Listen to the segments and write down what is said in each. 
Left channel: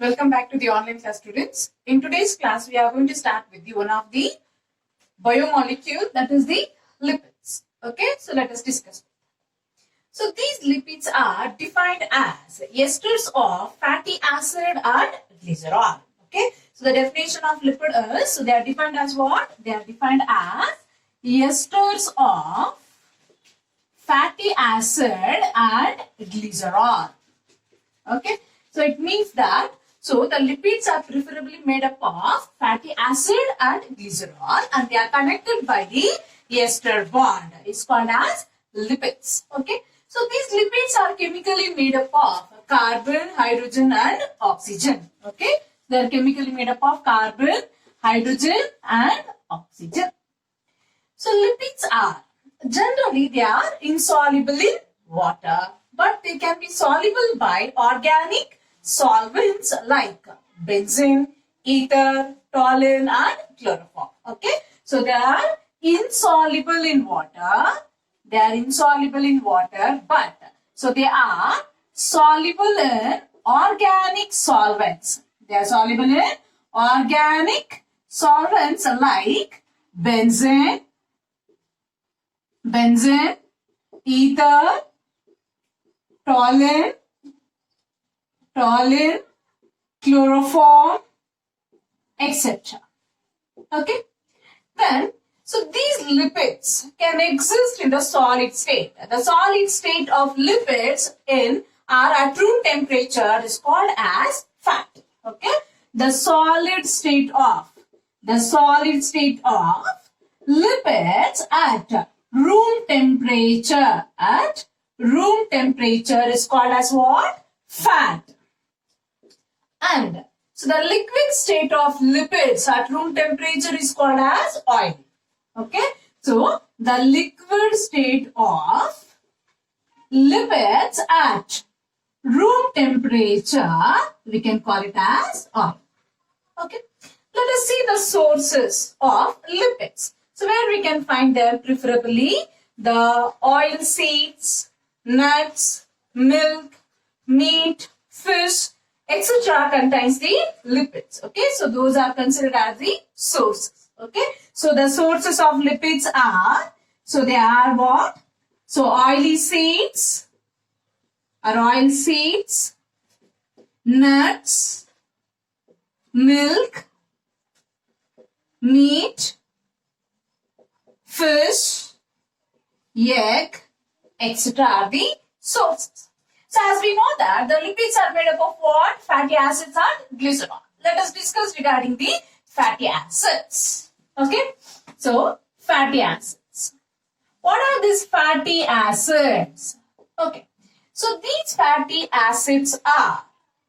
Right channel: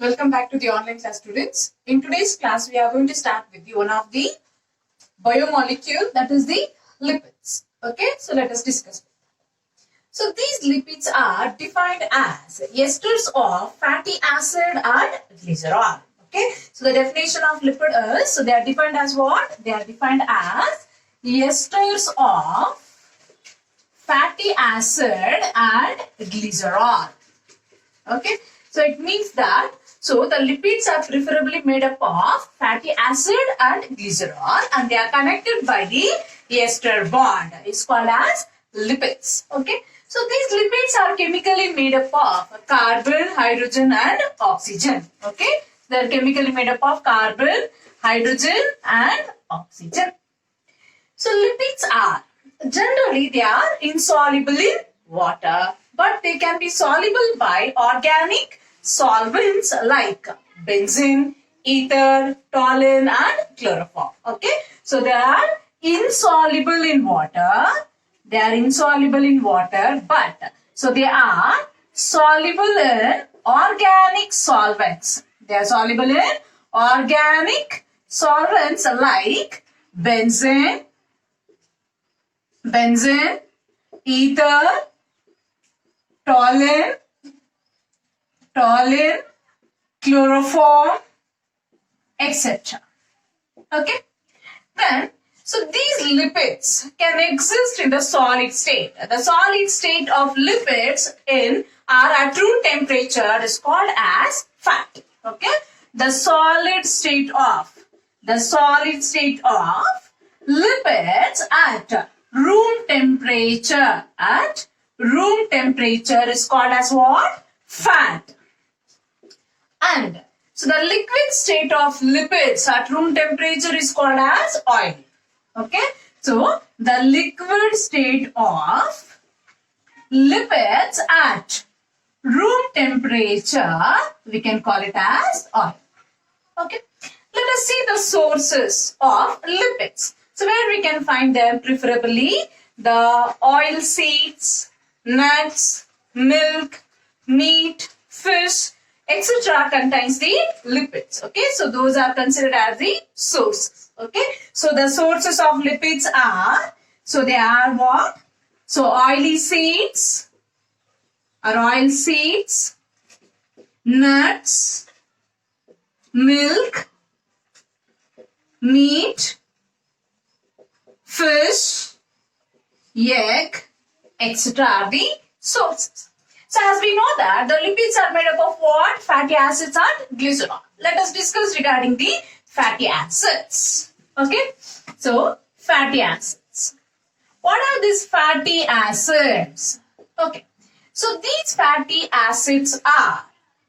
Welcome back to the online class, students. In today's class, we are going to start with the one of the biomolecule, that is the lipids. Okay, so let us discuss. So these lipids are defined as esters of fatty acid and glycerol. Okay, so the definition of lipid is, so they are defined as what? They are defined as esters of fatty acid and glycerol. Okay, so it means that the lipids are preferably made up of fatty acid and glycerol, and they are connected by the ester bond. It's called as lipids. Okay, so these lipids are chemically made up of carbon, hydrogen, and oxygen. Okay, they are chemically made up of carbon, hydrogen, and oxygen. So lipids are generally they are insoluble in water, but they can be soluble by organic solvents like benzene, ether, toluene, and chloroform. Okay, so they are insoluble in water. They are insoluble in water, but so they are soluble in organic solvents. They are soluble in organic solvents like benzene, ether, toluene, chloroform, etc. Okay. Then, so these lipids can exist in the solid state. The solid state of lipids are at room temperature is called as fat. Okay. The solid state of lipids at room temperature is called as what? Fat. And so the liquid state of lipids at room temperature is called as oil. Okay, so the liquid state of lipids at room temperature, we can call it as oil. Okay, let us see the sources of lipids. So where we can find them, preferably the oil seeds, nuts, milk, meat, fish, etc. contains the lipids. Okay, so those are considered as the sources. Okay, so the sources of lipids are, so they are what? So oil seeds, nuts, milk, meat, fish, egg, etc. are the sources. So as we know that the lipids are made up of what? Fatty acids and glycerol. Let us discuss regarding the fatty acids. Okay. So fatty acids. What are these fatty acids? Okay. So these fatty acids are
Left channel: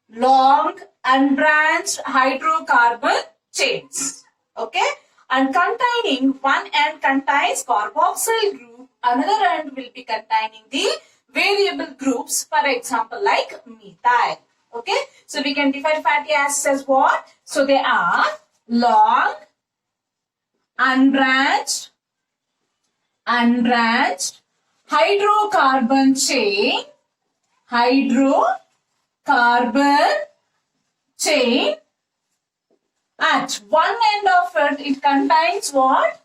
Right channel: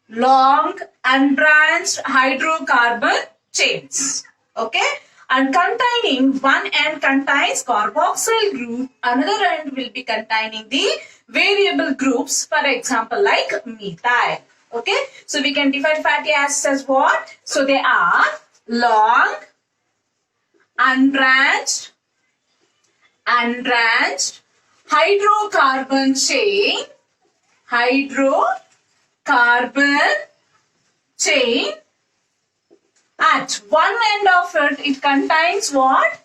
long unbranched hydrocarbon chains. Okay. And containing one end contains carboxyl group, another end will be containing the variable groups, for example like methyl. Okay, so we can define fatty acids as what? So they are long, unbranched, hydrocarbon chain, at one end of it contains what?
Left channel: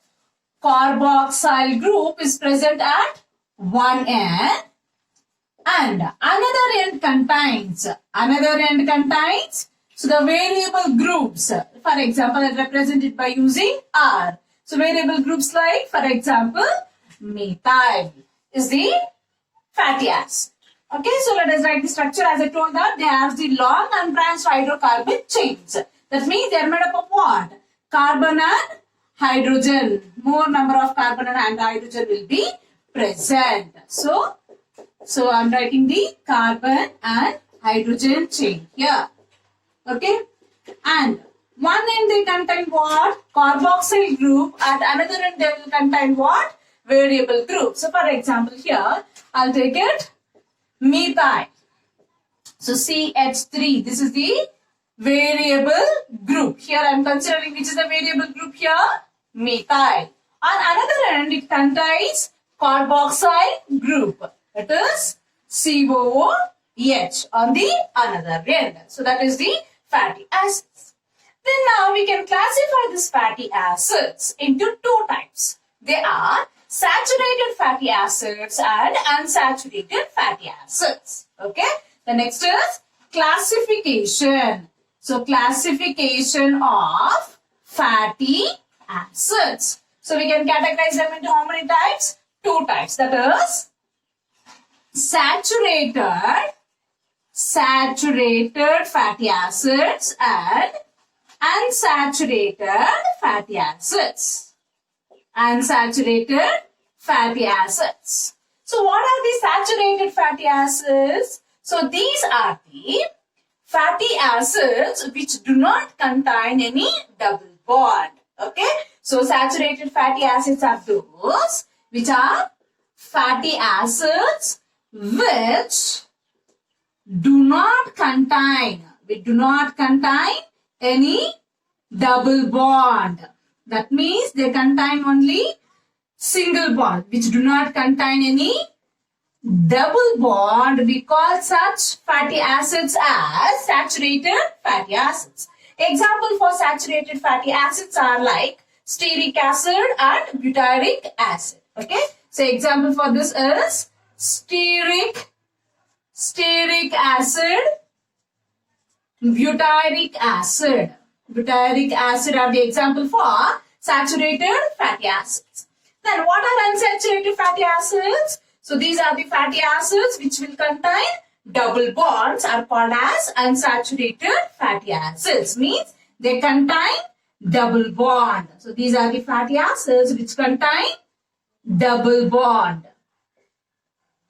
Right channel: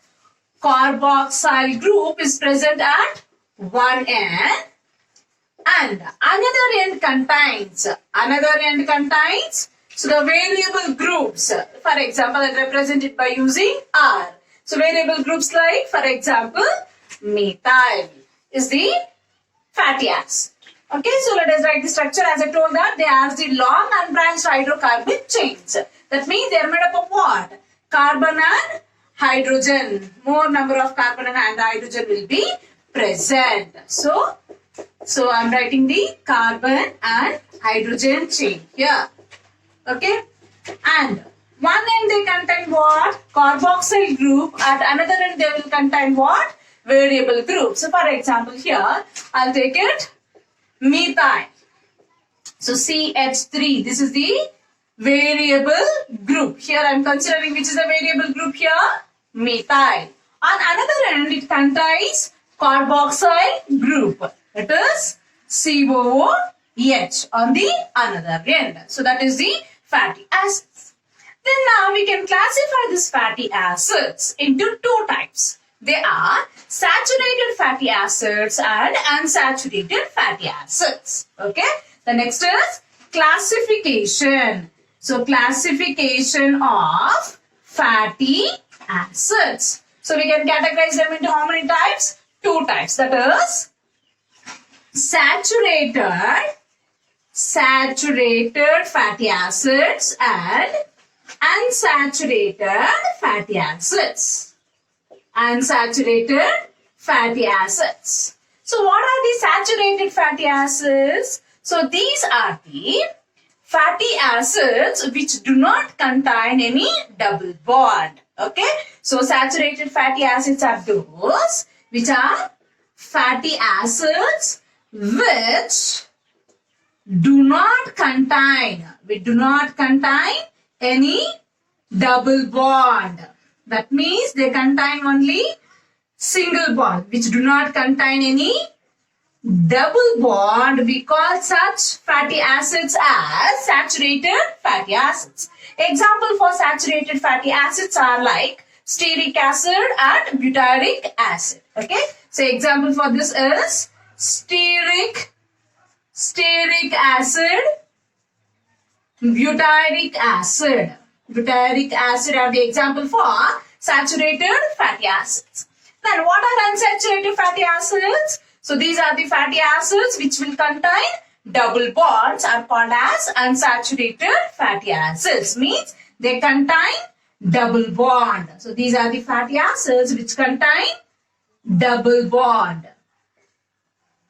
Carboxyl group is present at one end, and another end contains so the variable groups, for example, are represented by using R. So variable groups like, for example, methyl is the fatty acid. Okay, so let us write the structure as I told that they have the long unbranched hydrocarbon chains. That means they are made up of what? Carbon and hydrogen. More number of carbon and hydrogen will be present. So I am writing the carbon and hydrogen chain here. Okay. And one end they contain what? Carboxyl group. At another end they will contain what? Variable group. So for example here, I'll take it methyl. So CH3. This is the variable group. Here I am considering which is the variable group here? Methyl. On another end it contains carboxyl group. It is COOH on the another end. So that is the fatty acids. Then now we can classify these fatty acids into two types. They are saturated fatty acids and unsaturated fatty acids. Okay. The next is classification. So classification of fatty acids. So we can categorize them into how many types? Two types. That is saturated fatty acids and unsaturated fatty acids. Unsaturated fatty acids. So what are the saturated fatty acids? So these are the fatty acids which do not contain any double bond. Okay. So saturated fatty acids are those which are fatty acids which do not contain any double bond. That means they contain only single bond, which do not contain any double bond. We call such fatty acids as saturated fatty acids. Example for saturated fatty acids are like stearic acid and butyric acid. Okay. So example for this is stearic acid, butyric acid. Butyric acid are the example for saturated fatty acids. Then what are unsaturated fatty acids? So these are the fatty acids which will contain double bonds are called as unsaturated fatty acids. Means they contain double bond. So these are the fatty acids which contain double bond.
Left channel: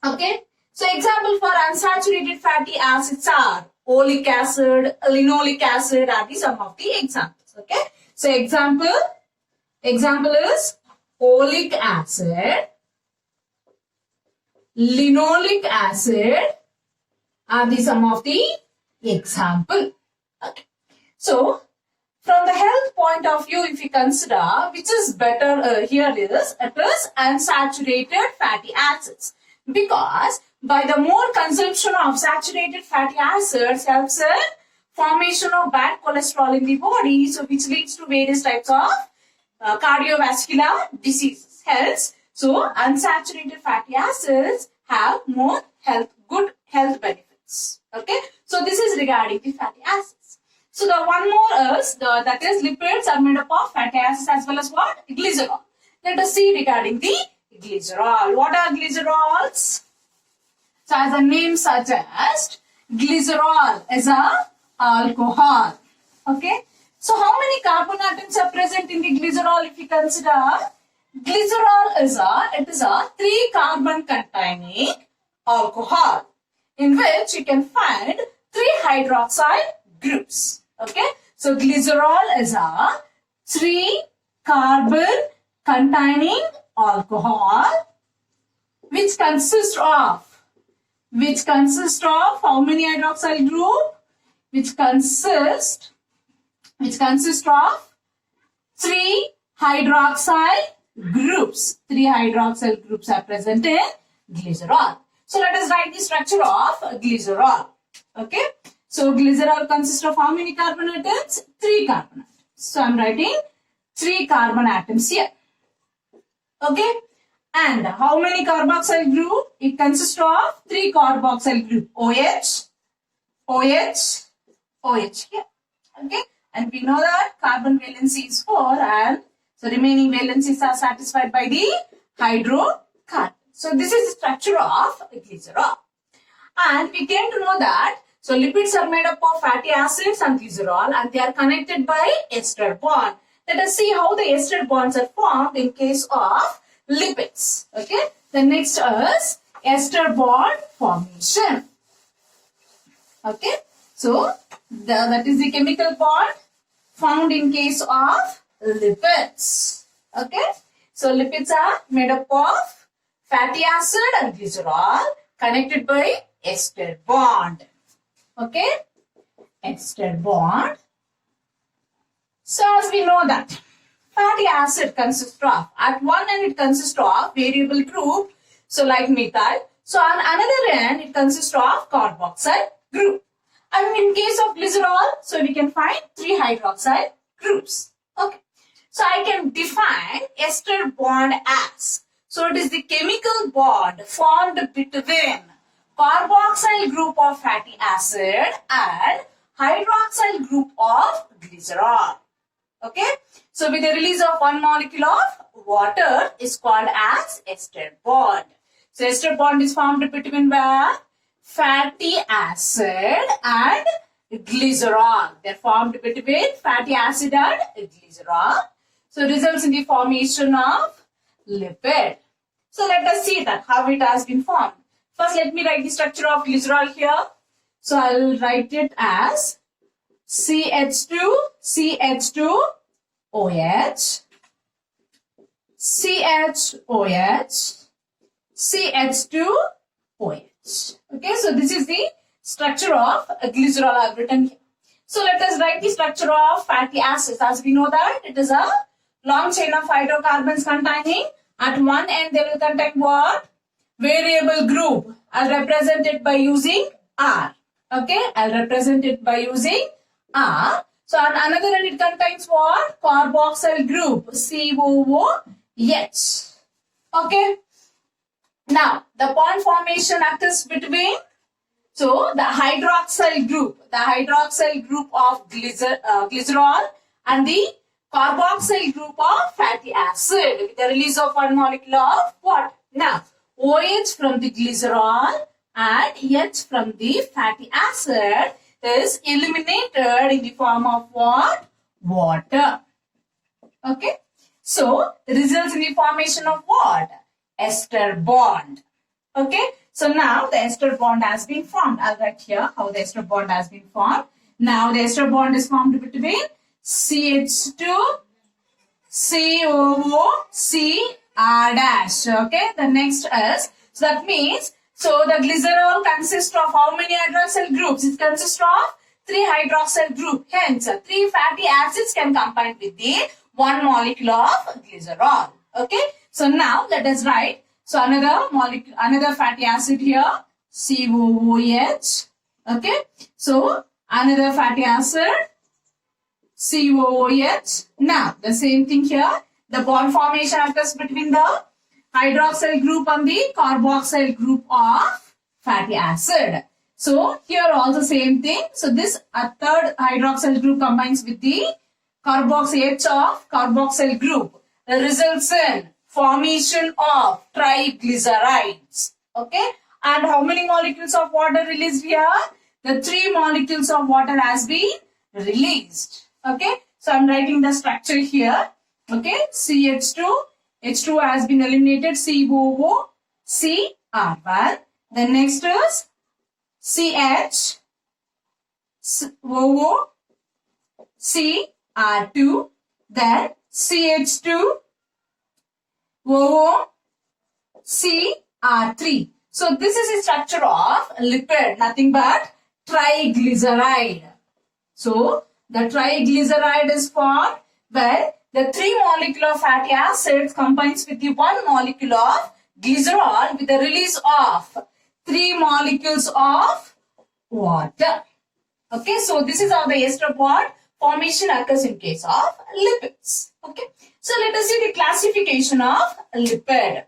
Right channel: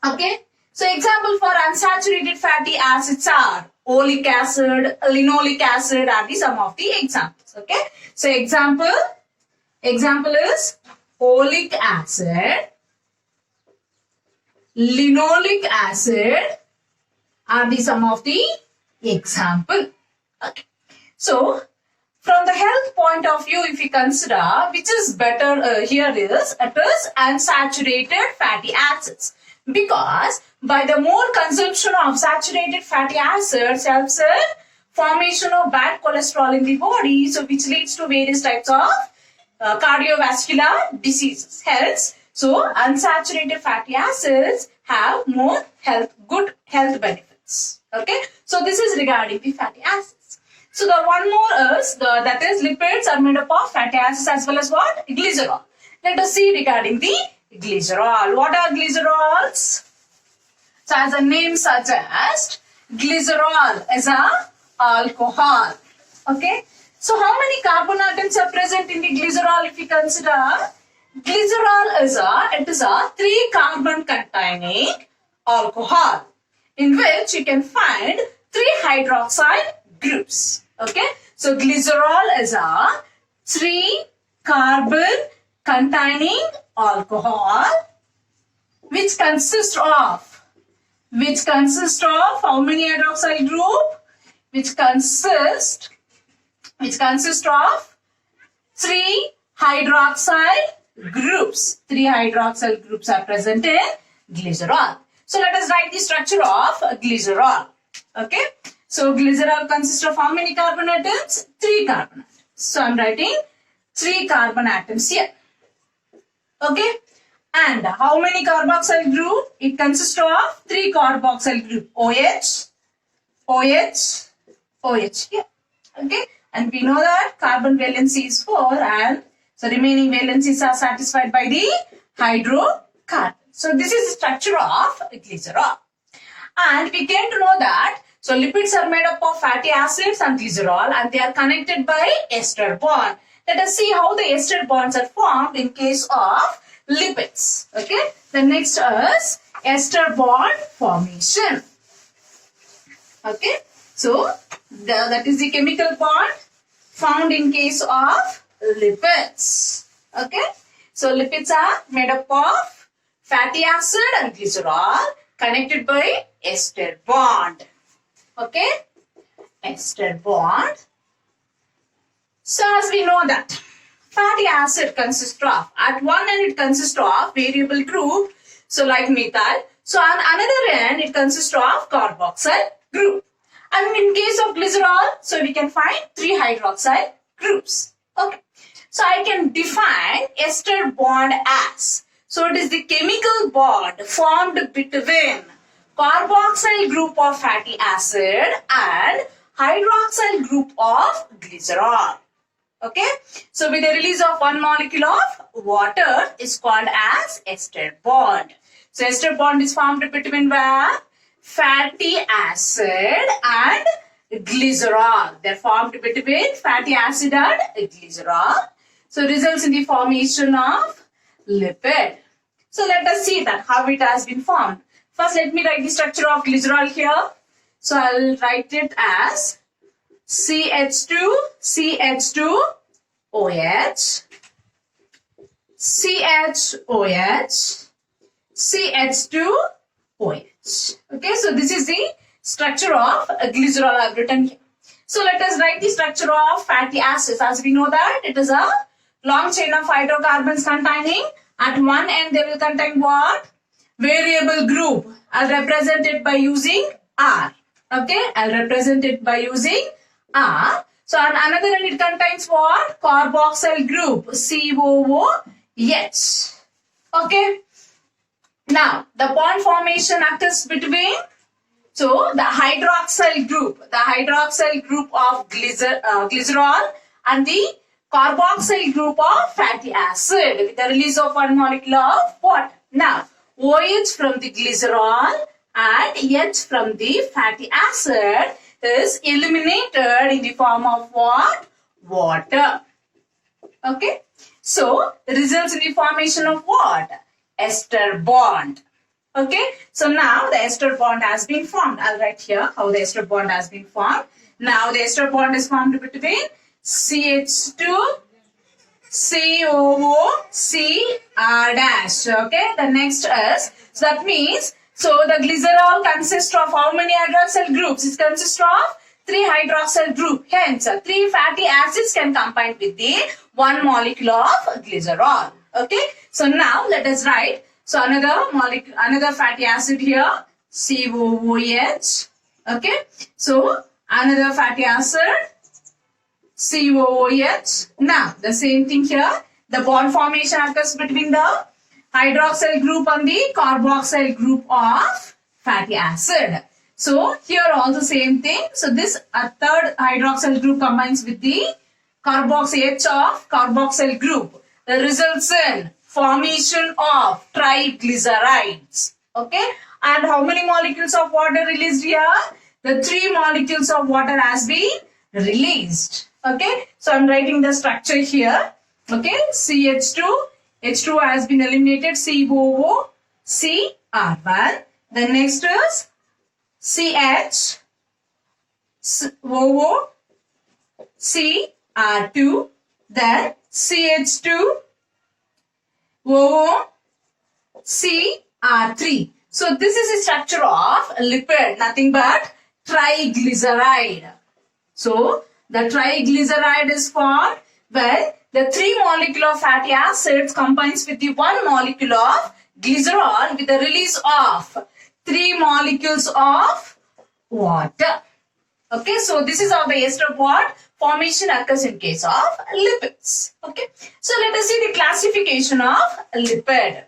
Okay. So example for unsaturated fatty acids are oleic acid, linoleic acid are the some of the examples. Okay. So example is oleic acid, linoleic acid are the some of the example. Okay. So from the health point of view, if you consider which is better here is it is unsaturated fatty acids, because by the more consumption of saturated fatty acids helps in formation of bad cholesterol in the body, so which leads to various types of cardiovascular diseases. Hence, so unsaturated fatty acids have more good health benefits. Okay, so this is regarding the fatty acids. So the one more is that is lipids are made up of fatty acids as well as what? Glycerol. Let us see regarding the glycerol. What are glycerols? So as the name suggests, glycerol is a alcohol. Okay. So how many carbon atoms are present in the glycerol if you consider? Glycerol is a 3 carbon containing alcohol in which you can find 3 hydroxyl groups. Okay. So glycerol is a 3 carbon containing alcohol which consists of how many hydroxyl group? Which consists of 3 hydroxyl groups. 3 hydroxyl groups are present in glycerol. So let us write the structure of glycerol. Okay. So glycerol consists of how many carbon atoms? 3 carbon atoms. So I am writing 3 carbon atoms here. Okay. And how many carboxyl group? It consists of 3 carboxyl group. OH, OH, OH here. Okay. And we know that carbon valency is 4 and so remaining valencies are satisfied by the hydrocarbon. So this is the structure of glycerol. And we came to know that so lipids are made up of fatty acids and glycerol and they are connected by ester bond. Let us see how the ester bonds are formed in case of lipids. Okay. The next is ester bond formation. Okay. So that is the chemical bond found in case of lipids. Okay. So lipids are made up of fatty acid and glycerol connected by ester bond. Okay. Ester bond. So as we know that fatty acid consists of, at one end it consists of variable group, so like methyl. So on another end it consists of carboxyl group. And in case of glycerol, so we can find 3 hydroxyl groups. Okay. So I can define ester bond as. So it is the chemical bond formed between carboxyl group of fatty acid and hydroxyl group of glycerol. Okay. So with the release of one molecule of water is called as ester bond. So ester bond is formed between where? Fatty acid and glycerol. They are formed between fatty acid and glycerol. So results in the formation of lipid. So let us see that how it has been formed. First let me write the structure of glycerol here. So I'll write it as CH2, CH2, OH, CHOH, CH2, OH. Okay, so this is the structure of glycerol I've written here. So let us write the structure of fatty acids. As we know that it is a long chain of hydrocarbons containing, at one end they will contain what? Variable group. I'll represent it by using R. Okay, I'll represent it by using R. So on another end it contains what? Carboxyl group, COOH. Okay. Now the bond formation occurs between, so the hydroxyl group of glycerol and the carboxyl group of fatty acid with the release of one molecule of what? Now OH from the glycerol and H from the fatty acid is eliminated in the form of what? Water. Okay. So results in the formation of what? Ester bond. Okay. So now the ester bond has been formed. I'll write here how the ester bond has been formed. Now the ester bond is formed between CH2, COOH, R dash. Okay. The next is, so that means, so the glycerol consists of how many hydroxyl groups? It consists of 3 hydroxyl group. Hence, 3 fatty acids can combine with the one molecule of glycerol. Okay. So now let us write. So another molecule, another fatty acid here, COOH. Okay. So another fatty acid, COOH. Now the same thing here. The bond formation occurs between the hydroxyl group and the carboxyl group of fatty acid. So here also same thing. So this third hydroxyl group combines with the carboxyl of carboxyl group. The results in formation of triglycerides. Okay. And how many molecules of water released here? The 3 molecules of water has been released. Okay. So I'm writing the structure here. Okay. CH2. H2 has been eliminated. COO. CR1. The next is CH. OO. CR2. Then CH2. OO. CR3. So this is the structure of lipid, nothing but triglyceride. So the triglyceride is formed where the 3 molecule of fatty acids combines with the 1 molecule of glycerol with the release of 3 molecules of water. Okay, so this is how the ester bond formation occurs in case of lipids. Okay, so let us see the classification of lipid.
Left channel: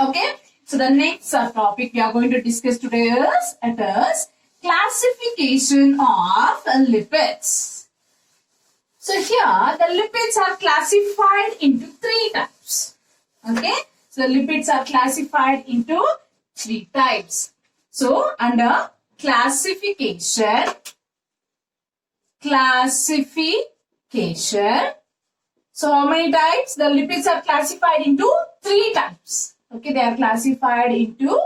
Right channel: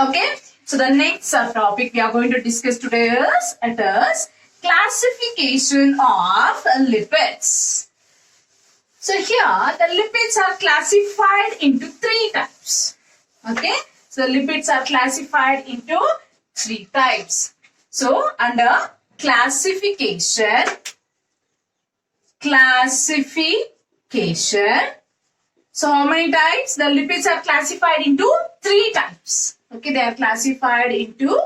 Okay, so the next topic we are going to discuss today is classification of lipids. So here the lipids are classified into 3 types. Okay, so lipids are classified into 3 types. So under classification. So how many types? The lipids are classified into 3 types. Okay, they are classified into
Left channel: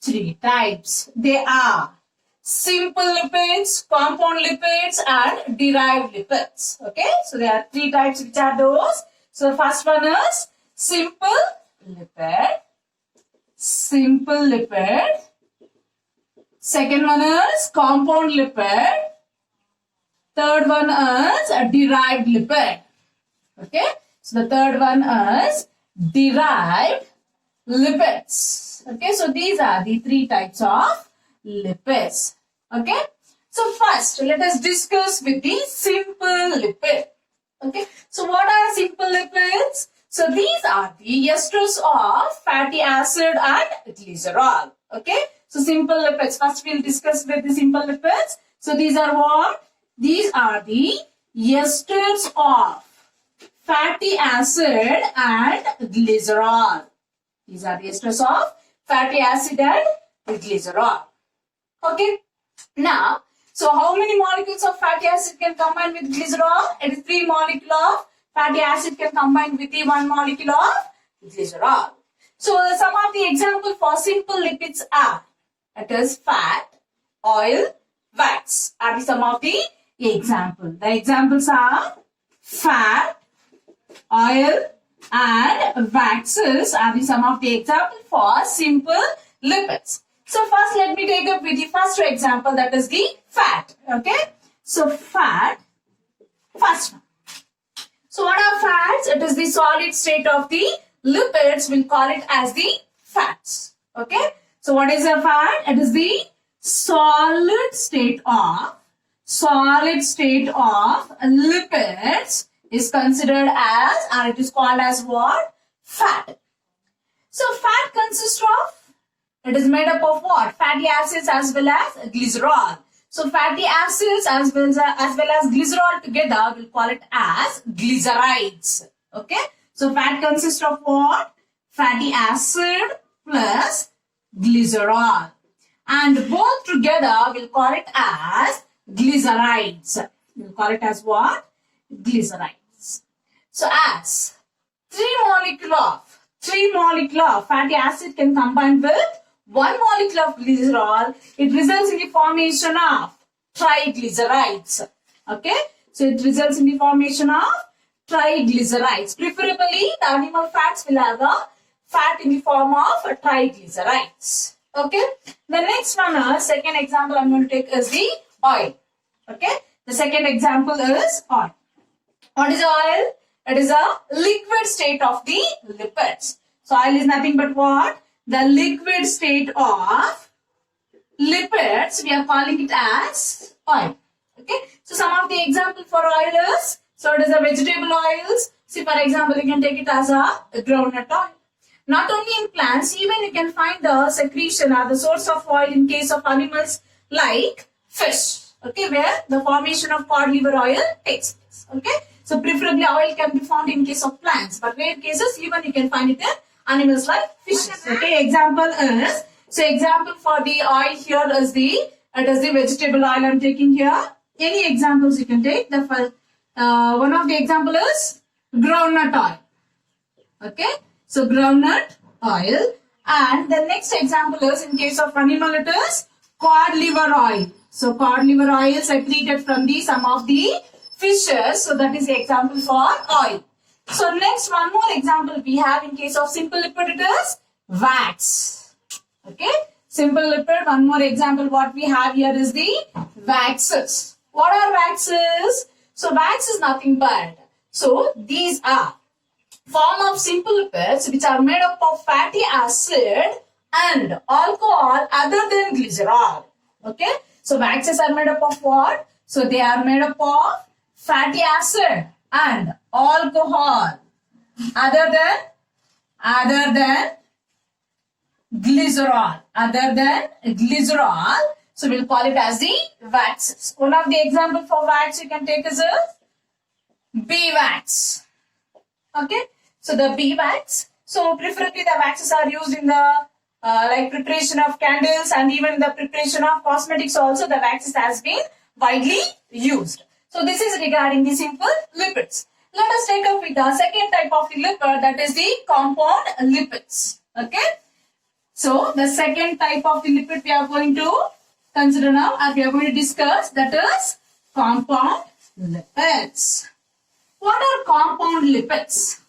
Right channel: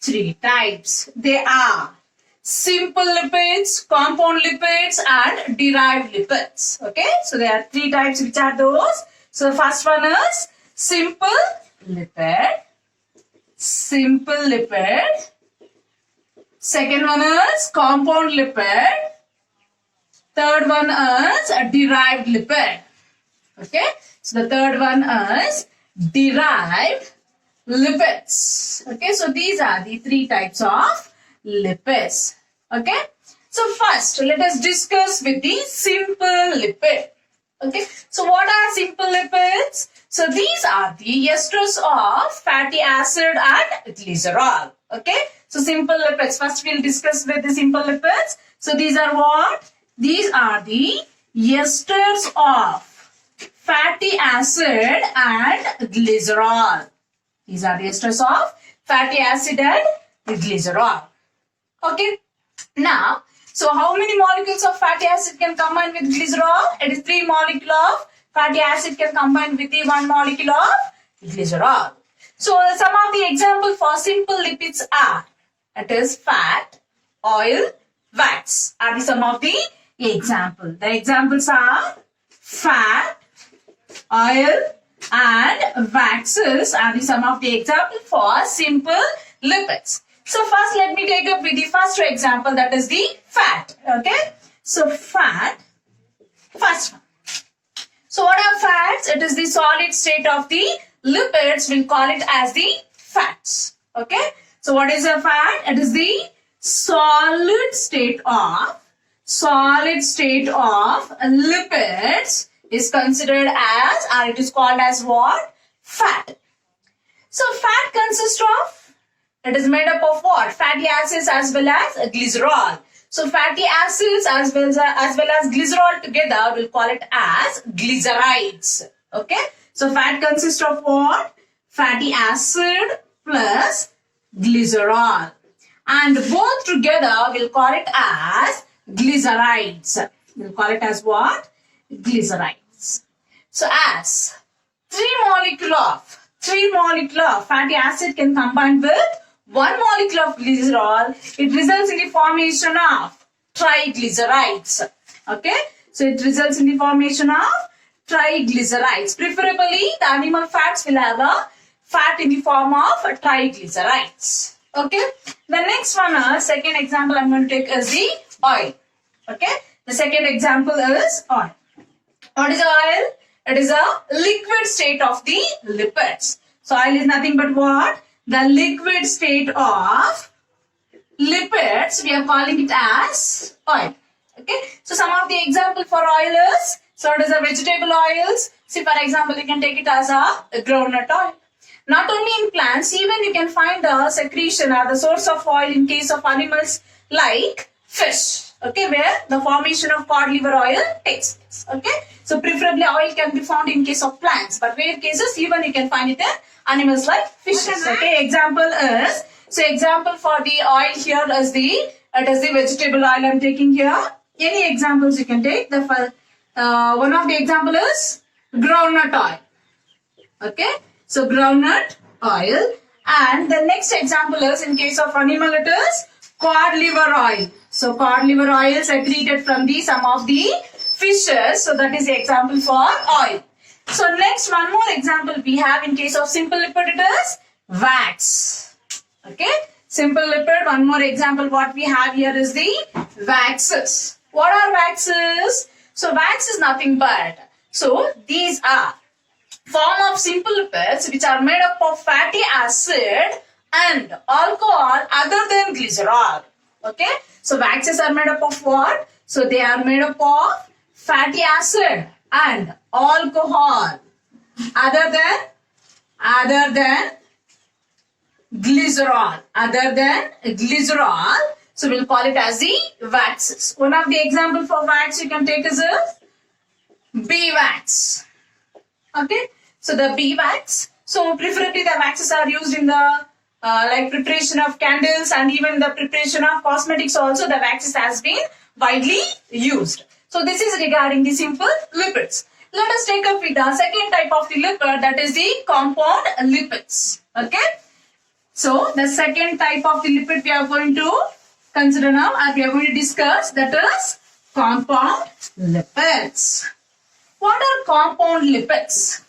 3 types. They are simple lipids, compound lipids and derived lipids. Okay, so there are 3 types. Which are those? So first one is simple lipid. Second one is compound lipid. Third one is a derived lipid. Okay, so the third one is derived lipids. Okay, so these are the 3 types of lipids. Okay, So first, let us discuss with the simple lipid. Okay. So what are simple lipids? So these are the esters of fatty acid and glycerol. Okay. So simple lipids. First we'll discuss with the simple lipids. So these are what? These are the esters of fatty acid and glycerol. These are the esters of fatty acid and glycerol. Okay. Now, so how many molecules of fatty acid can combine with glycerol? It is 3 molecules of fatty acid can combine with the 1 molecule of glycerol. So some of the examples for simple lipids are, it is fat, oil, wax are some of the examples. The examples are fat, oil and waxes are some of the examples for simple lipids. So first let me take up with the first example, that is the fat. Okay. So fat, first one. So what are fats? It is the solid state of the lipids. We'll call it as the fats. Okay. So what is a fat? It is the solid state of lipids is considered as, or it is called as what? Fat. So fat consists of, it is made up of what? Fatty acids as well as glycerol. So fatty acids as well as glycerol together, we'll call it as glycerides. Okay. So fat consists of what? Fatty acid plus glycerol. And both together, we'll call it as glycerides. We'll call it as what? Glycerides. So as 3 molecule of fatty acid can combine with 1 molecule of glycerol, it results in the formation of triglycerides. Okay. So it results in the formation of triglycerides. Preferably, the animal fats will have a fat in the form of triglycerides. Okay. The next one is, second example I'm going to take is the oil. Okay. The second example is oil. What is oil? It is a liquid state of the lipids. So oil is nothing but what? The liquid state of lipids. We are calling it as oil. Okay. So some of the example for oil is, so it is a vegetable oils. See, for example, you can take it as a groundnut oil. Not only in plants, even you can find the secretion or the source of oil in case of animals like fish. Okay, where the formation of cod liver oil takes place. Okay, so preferably oil can be found in case of plants, but rare cases even you can find it in animals like fishes. Okay, example is, so example for the oil here is the, it is the vegetable oil I'm taking here. Any examples you can take. The one of the example is groundnut oil. Okay, so groundnut oil, and the next example is, in case of animal it is cod liver oil. So cod liver oil secreted from the some of the fishes. So that is the example for oil. So next one more example we have in case of simple lipid, it is wax. Okay. Simple lipid, one more example what we have here is the waxes. What are waxes? So wax is nothing but, so these are form of simple lipids which are made up of fatty acid and alcohol other than glycerol. Okay. So waxes are made up of what? So they are made up of fatty acid and alcohol other than glycerol. So we'll call it as the waxes. One of the example for wax you can take is a bee wax. Okay. So the bee wax. So preferably the waxes are used in the like preparation of candles and even the preparation of cosmetics also, the waxes has been widely used. So this is regarding the simple lipids. Let us take up with the second type of the lipid, that is the compound lipids. Okay. So the second type of the lipid we are going to consider now, and we are going to discuss, that is compound lipids. What are compound lipids?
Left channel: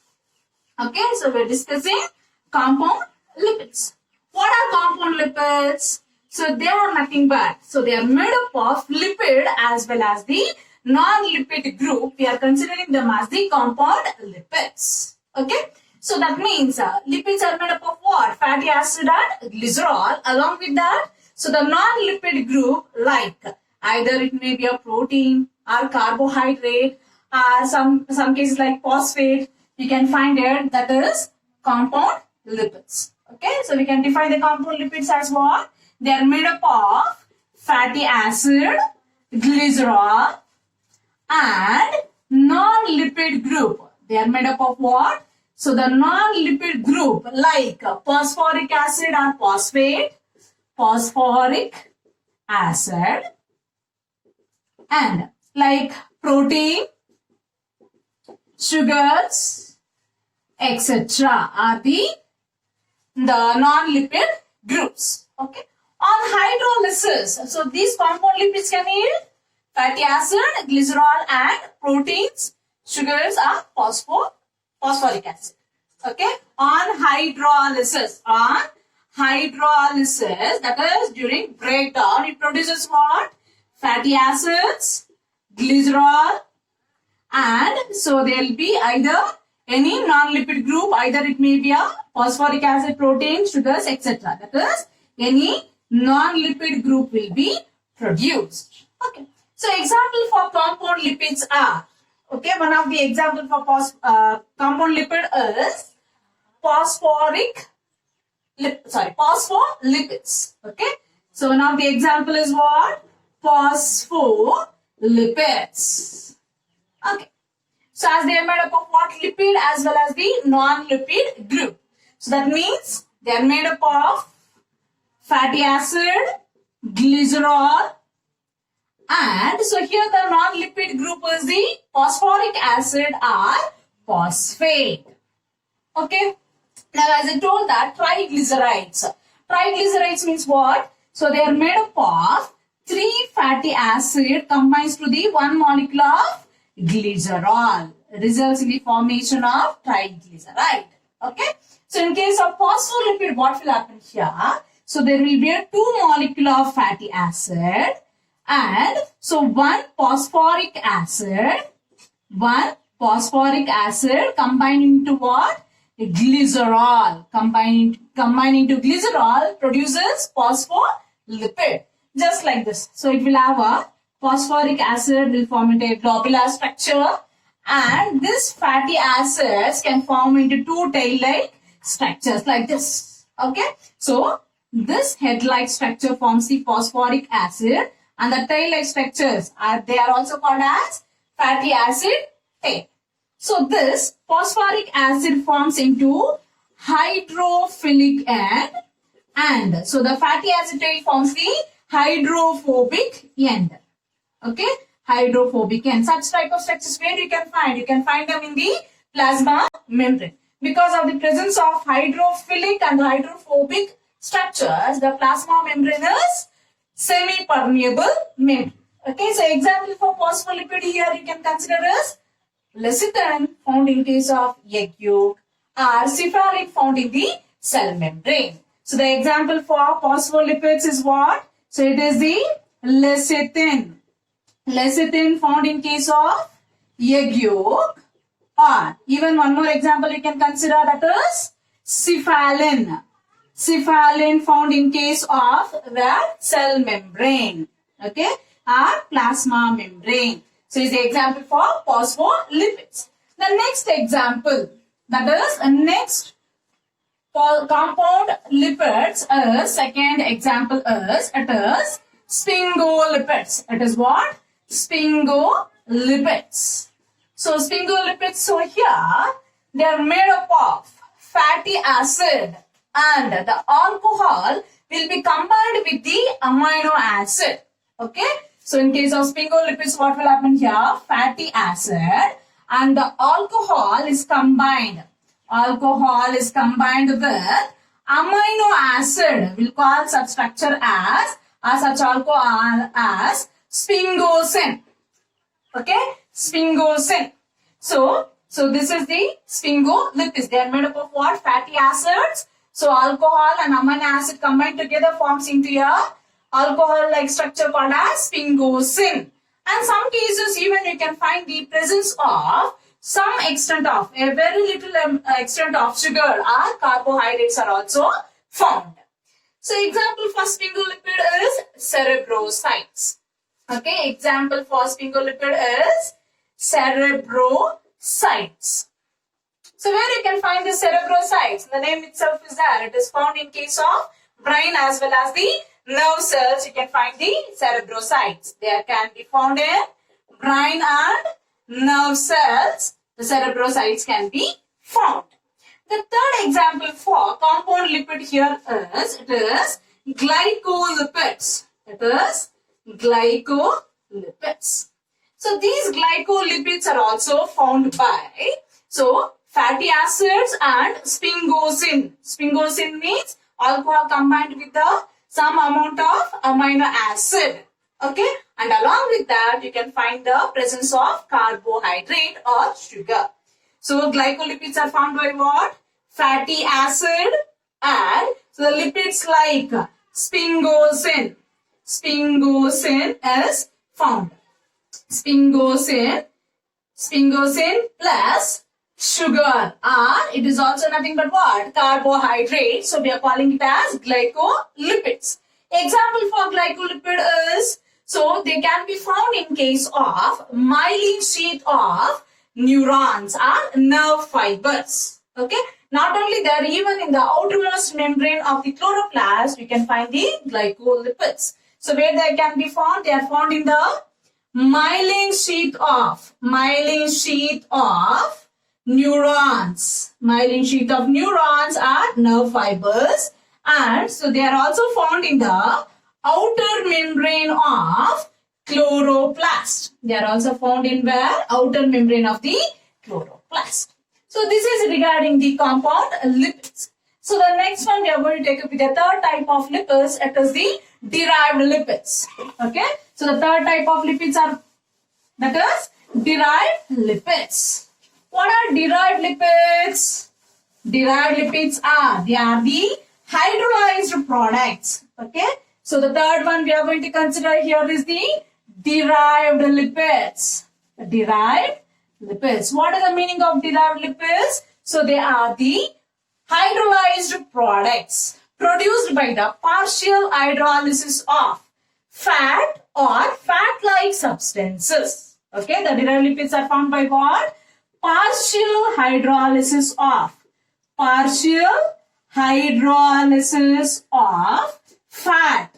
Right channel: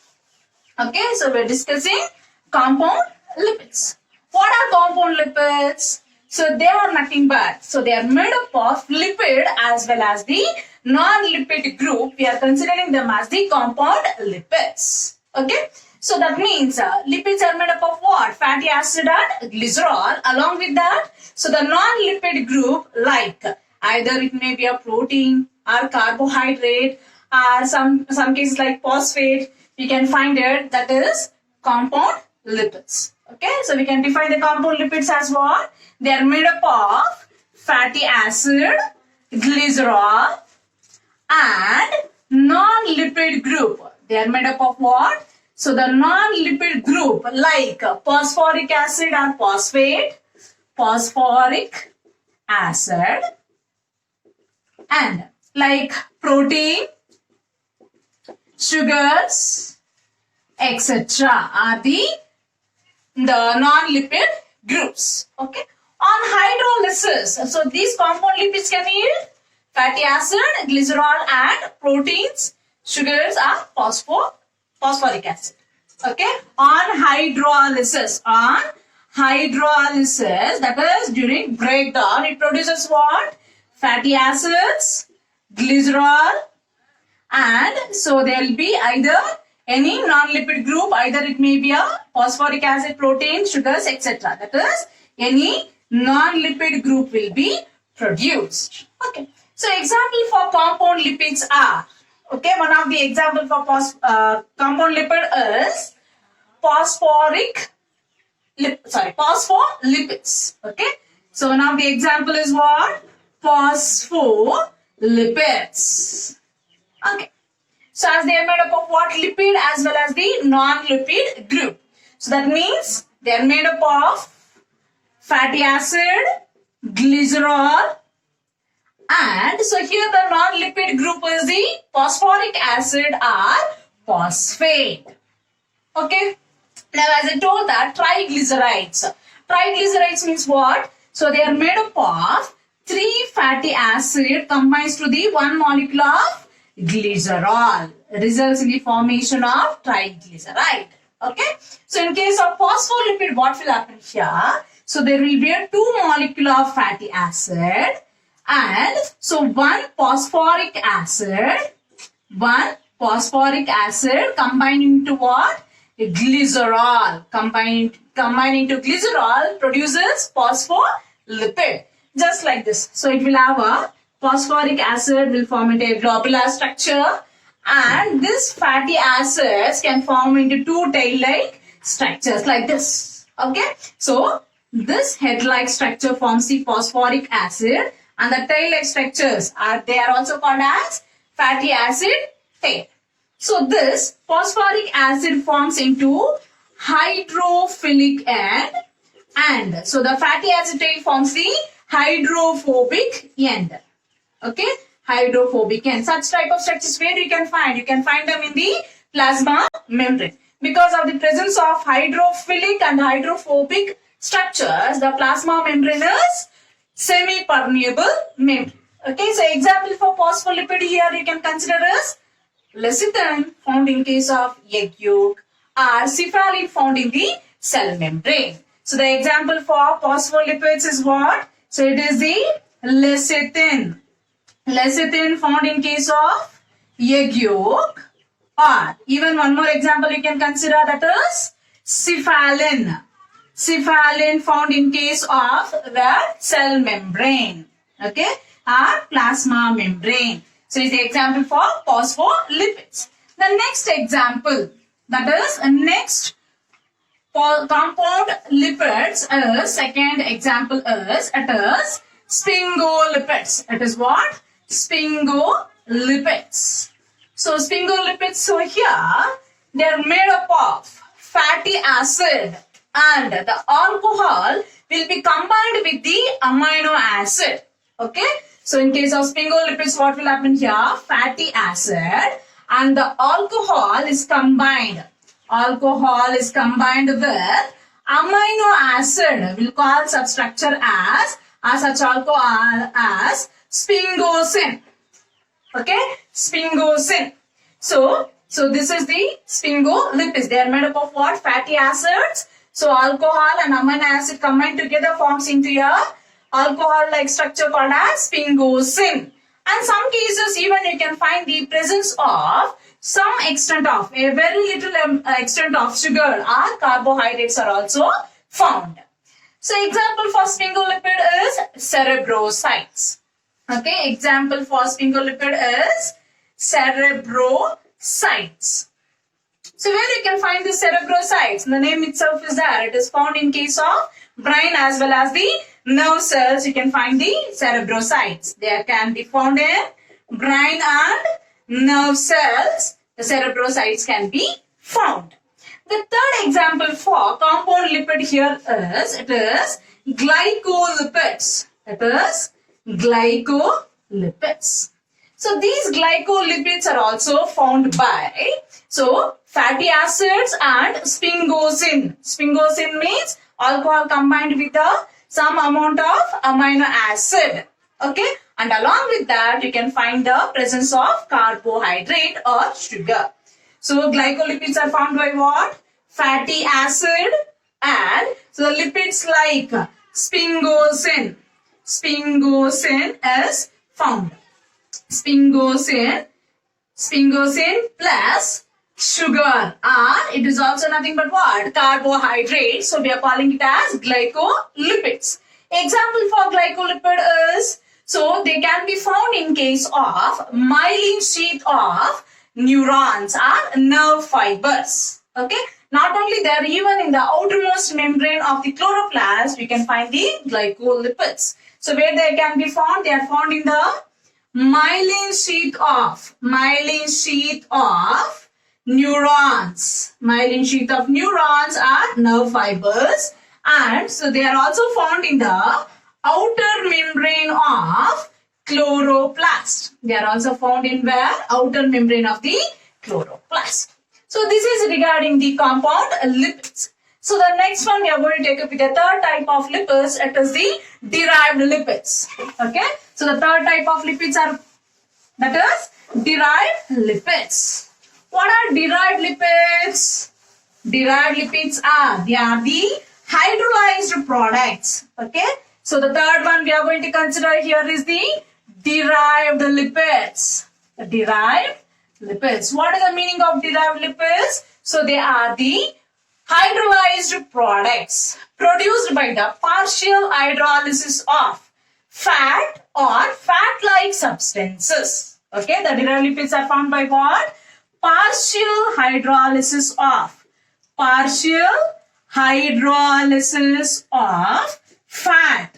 Okay, so we are discussing compound lipids. What are compound lipids? So they are nothing but, so they are made up of lipid as well as the non-lipid group. We are considering them as the compound lipids. Okay. So that means lipids are made up of what? Fatty acid and glycerol. Along with that, so the non-lipid group like Either it may be a protein or carbohydrate or some cases like phosphate. We can find it, that is compound lipids. Okay, so we can define the compound lipids as what? They are made up of fatty acid, glycerol, and non-lipid group. They are made up of what? So the non-lipid group like phosphoric acid or phosphate, phosphoric acid, and like protein, sugars, etc. are the non-lipid groups. Okay. On hydrolysis, so these compound lipids can yield fatty acid, glycerol, and proteins, sugars, are phosphoric acid. Okay. On hydrolysis, that is during breakdown, it produces what? Fatty acids, glycerol, and so there will be either any non-lipid group, either it may be a phosphoric acid, protein, sugars, etc. That is, any non-lipid group will be produced. Okay. So example for compound lipids are, okay, one of the example for compound lipid is phospholipids. Okay. So one of the example is what? Phospholipids. Okay. So as they are made up of what? Lipid as well as the non-lipid group. So that means they are made up of fatty acid, glycerol, and so here the non-lipid group is the phosphoric acid or phosphate. Okay. Now as I told that triglycerides. Triglycerides means what? So they are made up of 3 fatty acid combines to the 1 molecule of glycerol, results in the formation of triglyceride. Okay. So in case of phospholipid, what will happen here? So there will be a 2 molecule of fatty acid, and so 1 phosphoric acid combining to what? Glycerol. Combining to glycerol produces phospholipid. Just like this. So it will have a phosphoric acid will form into a globular structure, and this fatty acids can form into 2 tail-like structures like this. Okay. So this head-like structure forms the phosphoric acid, and the tail-like structures they are also called as fatty acid tail. So this phosphoric acid forms into hydrophilic end, and so the fatty acid tail forms the hydrophobic end. Okay, hydrophobic end. Such type of structures where you can find? You can find them in the plasma membrane. Because of the presence of hydrophilic and hydrophobic structures, the plasma membrane is semi-permeable membrane. Okay, so example for phospholipid here you can consider is lecithin found in case of egg yolk, or cephalin found in the cell membrane. So the example for phospholipids is what? So it is the lecithin. Lecithin found in case of egg yolk, or even one more example you can consider, that is cephalin. Cephalin found in case of the cell membrane. Okay, or plasma membrane. So is the example for phospholipids. The next example, that is next compound lipids is, second example is, it is sphingolipids. It is what? Sphingolipids. So sphingolipids, so here they are made up of fatty acid, and the alcohol will be combined with the amino acid. Okay. So in case of sphingolipids, what will happen here? Fatty acid and the alcohol is combined. Alcohol is combined with amino acid. We'll call such structure as such alcohol as sphingosine. Okay, sphingosine. So this is the sphingolipids. They are made up of what? Fatty acids. So alcohol and amino acid combined together forms into a alcohol-like structure called as sphingosine. And some cases even you can find the presence of some extent of, a very little extent of sugar or carbohydrates are also found. So example for sphingolipid is cerebrosides. Okay, example for sphingolipid is cerebrocytes. So where you can find the cerebrocytes? The name itself is there. It is found in case of brain as well as the nerve cells. You can find the cerebrocytes. They can be found in brain and nerve cells. The cerebrocytes can be found. The third example for compound lipid here is, it is glycolipids. It is glycolipids. So these glycolipids are also found by, so fatty acids and sphingosine. Sphingosine means alcohol combined with some amount of amino acid. Okay, and along with that you can find the presence of carbohydrate or sugar. So glycolipids are found by what? Fatty acid, and so the lipids like sphingosine. Sphingosine is found. Sphingosine plus sugar, and it is also nothing but what? Carbohydrate. So we are calling it as glycolipids. Example for glycolipid is, so they can be found in case of myelin sheath of neurons or nerve fibers. Okay, not only there, even in the outermost membrane of the chloroplast we can find the glycolipids. So where they can be found? They are found in the myelin sheath of neurons. Myelin sheath of neurons are nerve fibers, and so they are also found in the outer membrane of chloroplast. They are also found in where? Outer membrane of the chloroplast. So this is regarding the compound lipids. So the next one we are going to take up with the third type of lipids. It is the derived lipids. Okay. So the third type of lipids are, that is derived lipids. What are derived lipids? Derived lipids are, they are the hydrolyzed products. Okay. So the third one we are going to consider here is the derived lipids. The derived lipids. What is the meaning of derived lipids? So they are the hydrolyzed products produced by the partial hydrolysis of fat or fat-like substances. Okay, the derived lipids are found by what? Partial hydrolysis of fat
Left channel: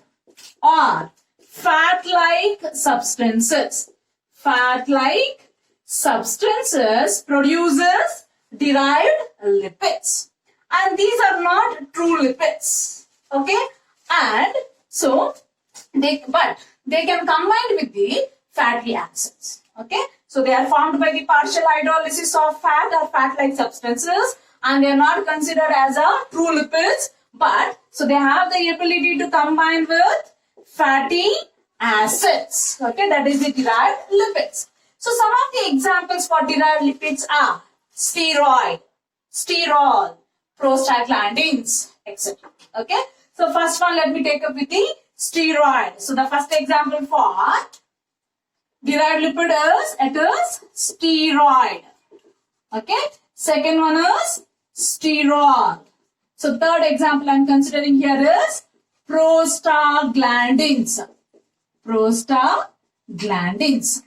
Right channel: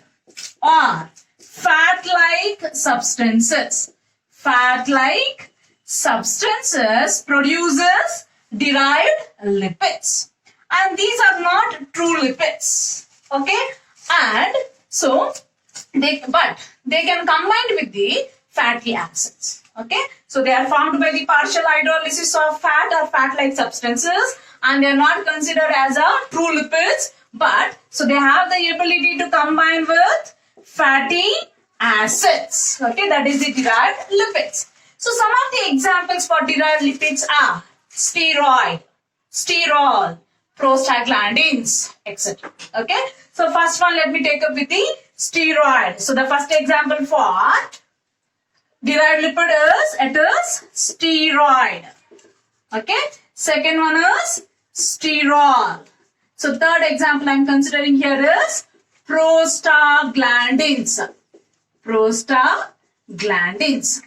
or fat-like substances. Fat-like substances produces derived lipids, and these are not true lipids. Okay, and so they can combine with the fatty acids. Okay, so they are found by the partial hydrolysis of fat or fat-like substances, and they are not considered as a true lipids, but so they have the ability to combine with fatty acids. Okay, that is the derived lipids. So some of the examples for derived lipids are steroid, sterol, prostaglandins, etc. Okay, so first one let me take up with the steroid. So the first example for derived lipid is, it is steroid. Okay, second one is sterol. So third example I am considering here is prostaglandins. Prostaglandins.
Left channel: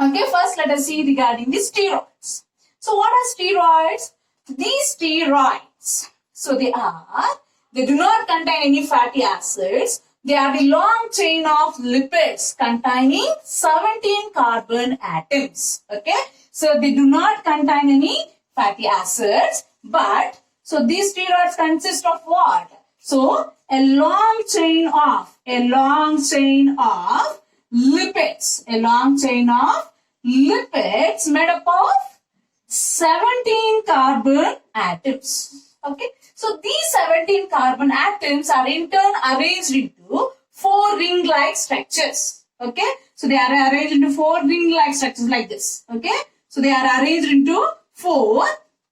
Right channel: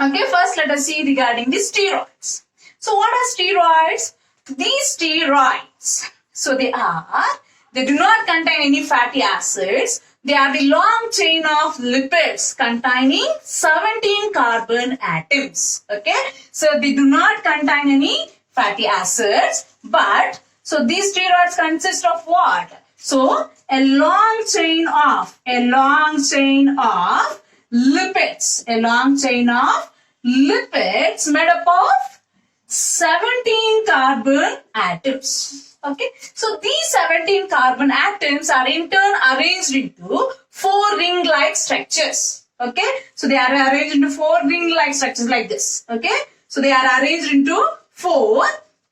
Okay, first let us see regarding the steroids. So what are steroids? These steroids, so they do not contain any fatty acids. They are the long chain of lipids containing 17 carbon atoms. Okay, so they do not contain any fatty acids, but so these steroids consist of what? So a long chain of lipids, made up of 17 carbon atoms. Okay, so these 17 carbon atoms are in turn arranged into 4 ring-like structures. Okay, so they are arranged into 4 ring-like structures like this. Okay, so they are arranged into 4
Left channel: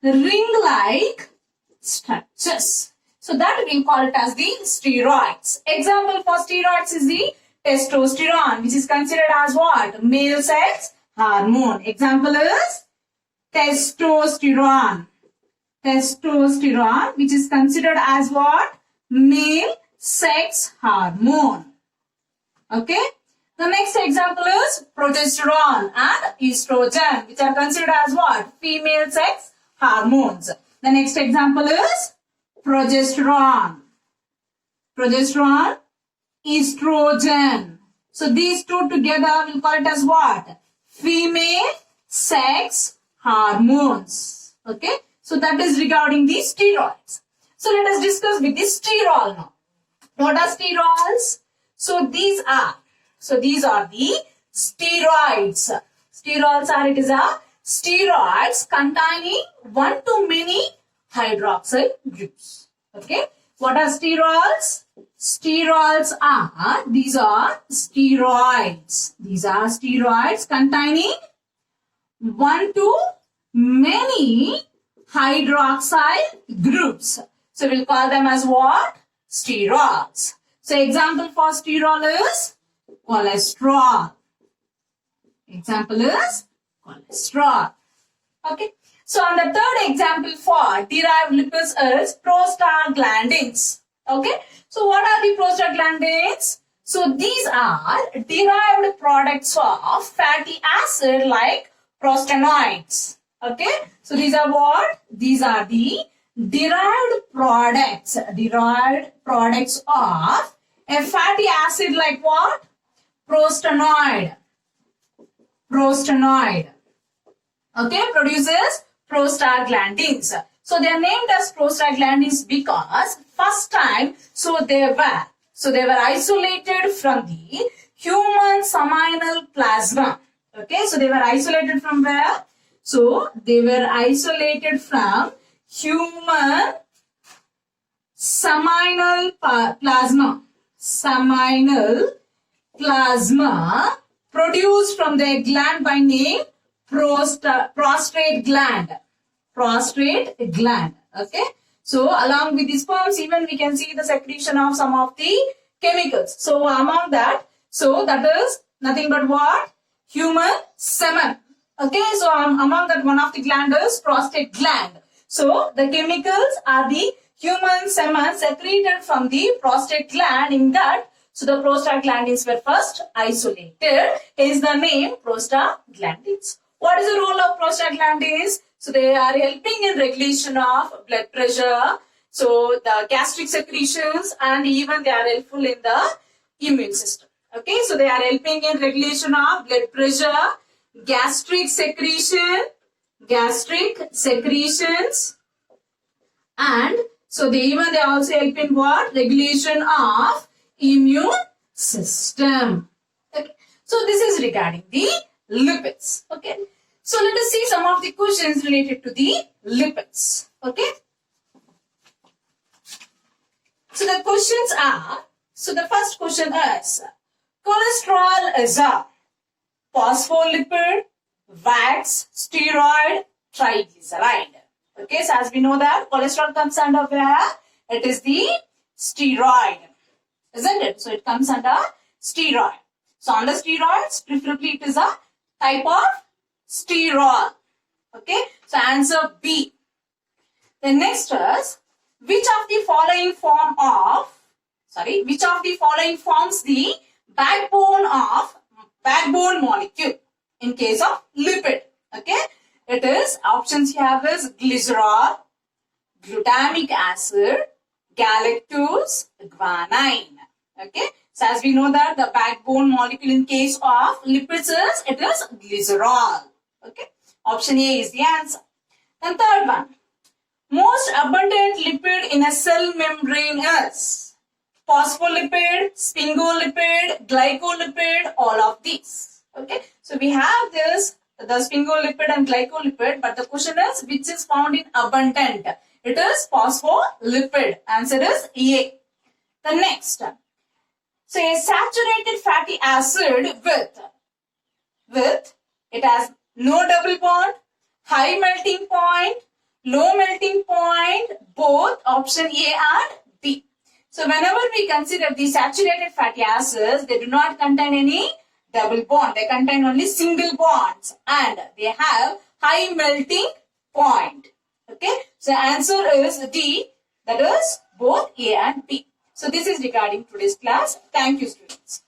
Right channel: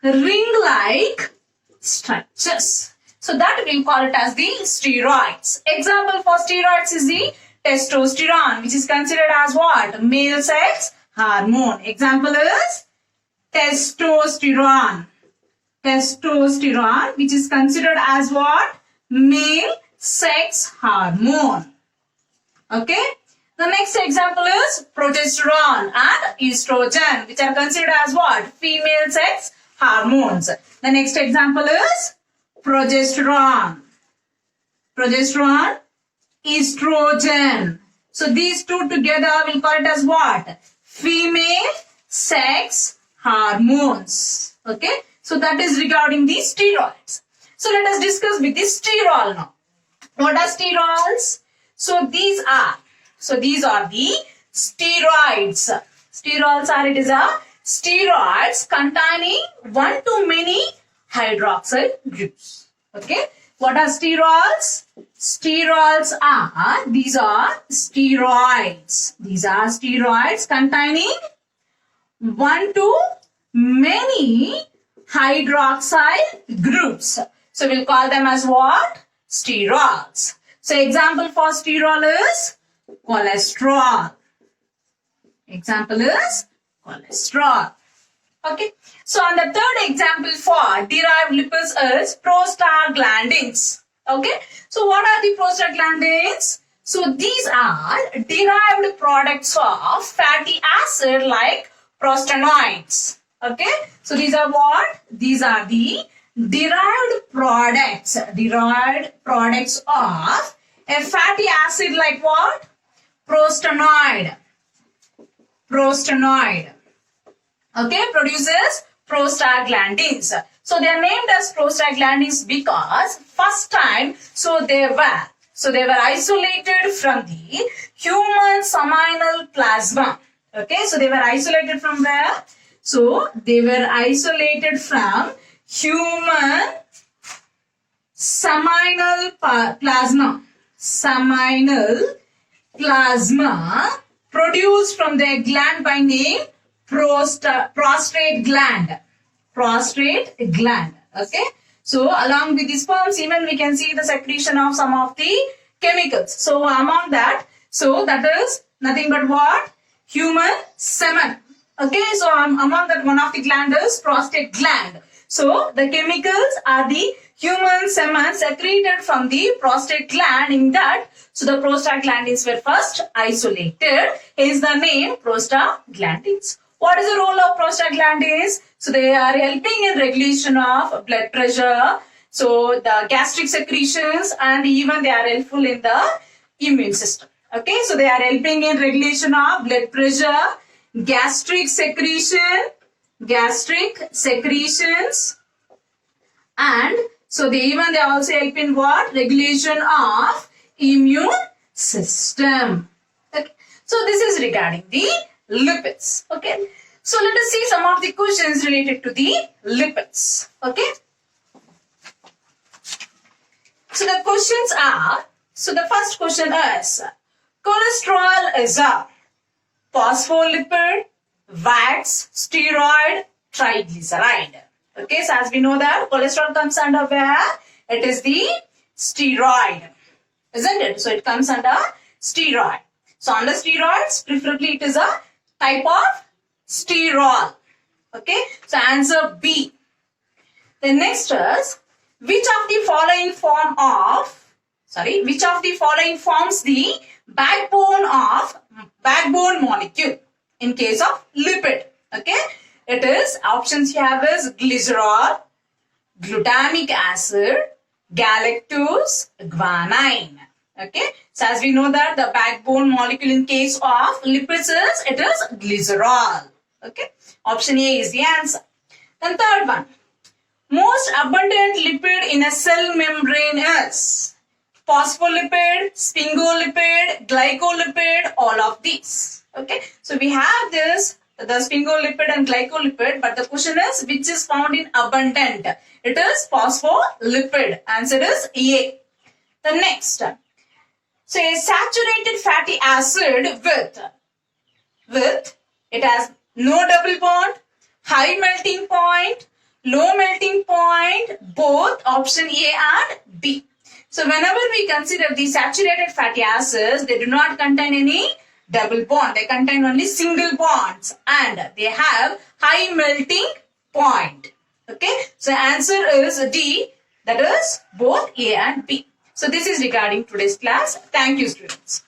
ring-like structures. So that we call it as the steroids. Example for steroids is the testosterone, which is considered as what? Male sex hormone. Example is testosterone. Testosterone, which is considered as what? Male sex hormone. Okay. The next example is progesterone and estrogen, which are considered as what? Female sex hormones. The next example is progesterone, estrogen. So these two together we'll call it as what? Female sex hormones. Okay. So that is regarding the steroids. So let us discuss with the sterol now. What are sterols? So these are the steroids. Sterols are, it is a steroids containing one to many hydroxyl groups. Okay. What are sterols? Sterols are, these are steroids. These are steroids containing one to many hydroxyl groups. So we'll call them as what? Sterols. So example for sterol is cholesterol. Example is cholesterol. Okay. So on the third example for derived lipids is prostaglandins. Okay. So what are the prostaglandins? So these are derived products of fatty acid like prostanoids. Okay. So these are what? These are the derived products of a fatty acid like what? Prostanoid. Okay, produces prostaglandins. So they are named as prostaglandins because first time they were isolated from the human seminal plasma. Okay, so they were isolated from where? So they were isolated from human seminal plasma. Seminal plasma produced from the gland by name prostate gland. Prostate gland. Okay. So along with the sperms, even we can see the secretion of some of the chemicals. So among that, that is nothing but what? Human semen. Okay. So among that, one of the gland is prostate gland. So the chemicals are the human semen secreted from the prostate gland. In that, so the prostaglandins were first isolated. Hence the name prostaglandins. What is the role of prostaglandins? So they are helping in regulation of blood pressure. So the gastric secretions, and even they are helpful in the immune system. Okay, so they are helping in regulation of blood pressure, gastric secretions, and so they also help in what? Regulation of immune system. Okay. So this is regarding the lipids. Okay. So let us see some of the questions related to the lipids. Okay. So the questions are, so the first question is, cholesterol is a phospholipid, wax, steroid, triglyceride. Okay, so as we know that cholesterol comes under where? It is the steroid, isn't it? So it comes under steroid. So under steroids, preferably it is a type of sterol. Okay, so answer B. The next is, which of the following forms the backbone molecule in case of lipid? Okay, it is, options you have is glycerol, glutamic acid, galactose, guanine. Okay, so as we know that the backbone molecule in case of lipids is, it is glycerol. Okay, option A is the answer. Then third one, most abundant lipid in a cell membrane is phospholipid, sphingolipid, glycolipid, all of these. Okay, so we have this, the sphingolipid and glycolipid, but the question is, which is found in abundant? It is phospholipid. Answer is A. The next, so a saturated fatty acid with it has no double bond, high melting point, low melting point, both option A and B. So whenever we consider the saturated fatty acids, they do not contain any double bond. They contain only single bonds and they have high melting point. Okay, so answer is D, that is both A and B. So this is regarding today's class. Thank you, students.